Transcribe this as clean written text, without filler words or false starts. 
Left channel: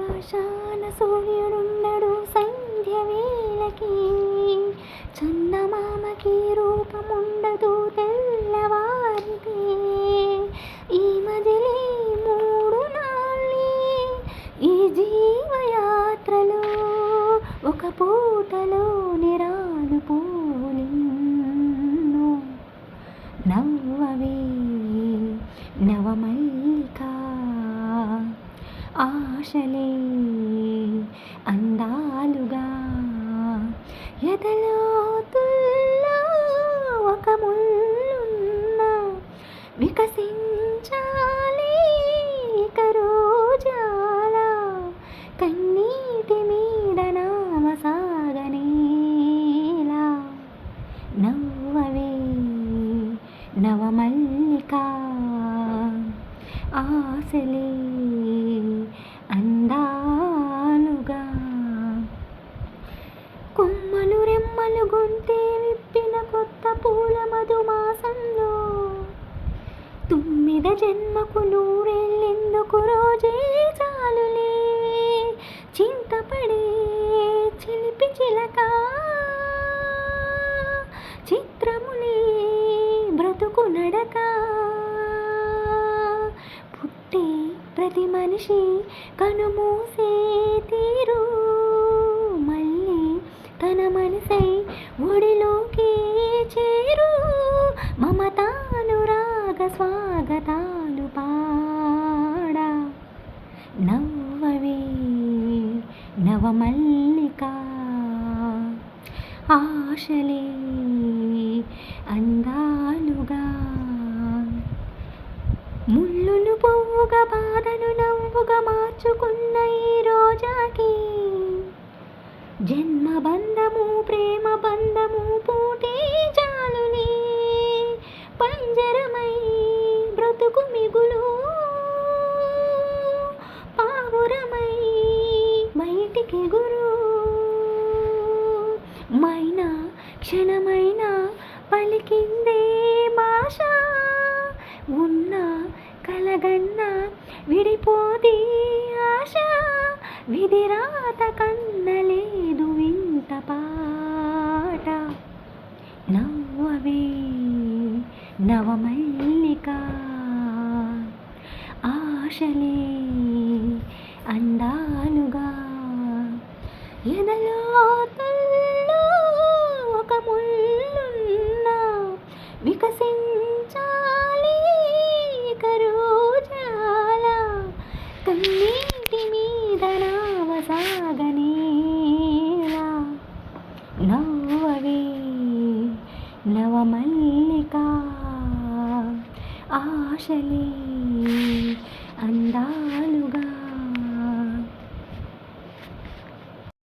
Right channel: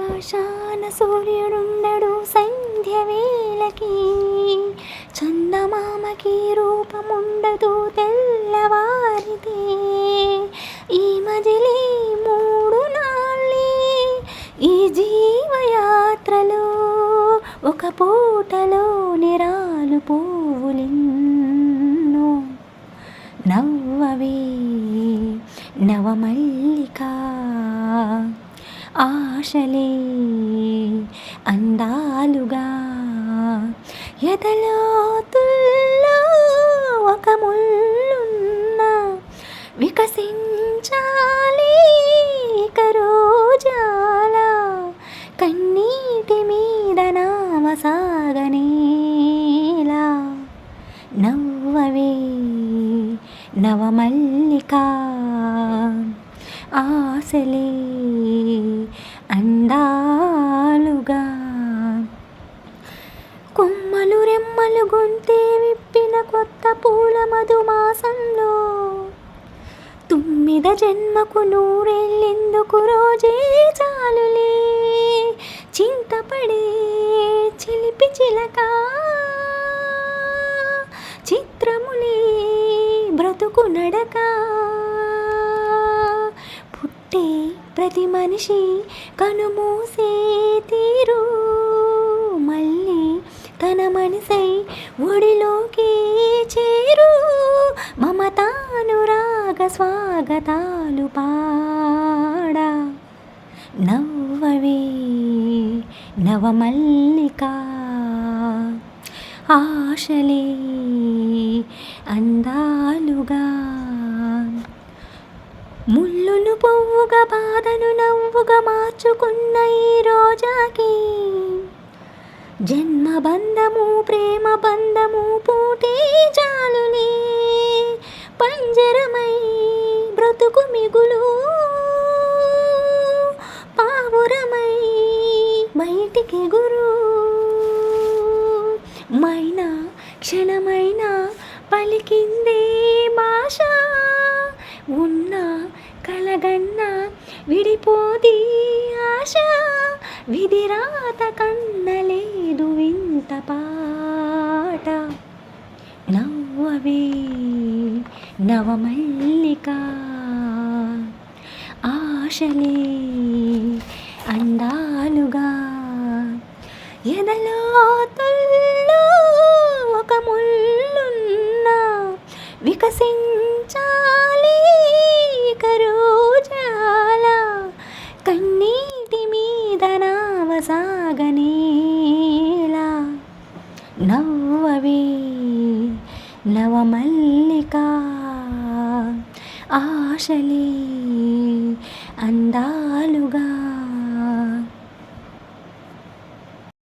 ఆకాశాన సూర్యుడుండడు సంధ్య వేళకి, చందమామకి రూపముండదు తెల్లవారితే. ఈ మజిలీ మూడు నాళ్ళే ఈ జీవయాత్రలో, ఒక పూటలో నిరాలు పూలెన్నో. నవ్వవే నవమల్లిక, ఆశలే అందాలుగా, ఎదలోతుల్లో ఒక ముల్లున్న వికసించాలి ఇక రోజాల. కన్నీటి మీద నామ సాగనేలా. నవ్వవే నవమల్లిక, ఆశలే అందాలుగా. కొమ్మలు రెమ్మలు గొంతే విప్పిన కొత్త పూల మధుమాసంలో, తుమ్మిద జన్మకు నూరెళ్ళెందుకు రోజే చాలులే. చింతపడే చిలిపి చిలక, చిత్రములే బ్రతుకు నడక. పుట్టే ప్రతి మనిషి కనుమూసే తీరు, మళ్ళీ తన మనసై ఒడిలోకి చేరు. మమతానురాగ స్వాగతాలు పాడా. నవ్వవే నవమల్లిక, ఆశలే అందాలుగా. ముళ్ళును పువ్వుగా, బాధను నవ్వుగా మార్చుకున్న ఈ రోజాకి, జన్మ బంధము ప్రేమ బంధము పూటే చాలులే. పంజరమై బ్రతుకు మిగులు, పావురమై బయటికి గురు. మైనా క్షణమైన పలికిందే భాష, ఉన్న కలగన్న విడిపోది ఆశ. విధిరాత కన్నలేదు వింత పాట. నవ్వవే నవమల్లిక, ఆశలే అందాలుగా, ఎదలోతుల్లో ఒక ముల్లున్న వికసించాలి ఇక రోజాల. కన్నీటి మీద నావ సాగనేలా. నవ్వవే నవమల్లిక, ఆశలే అందా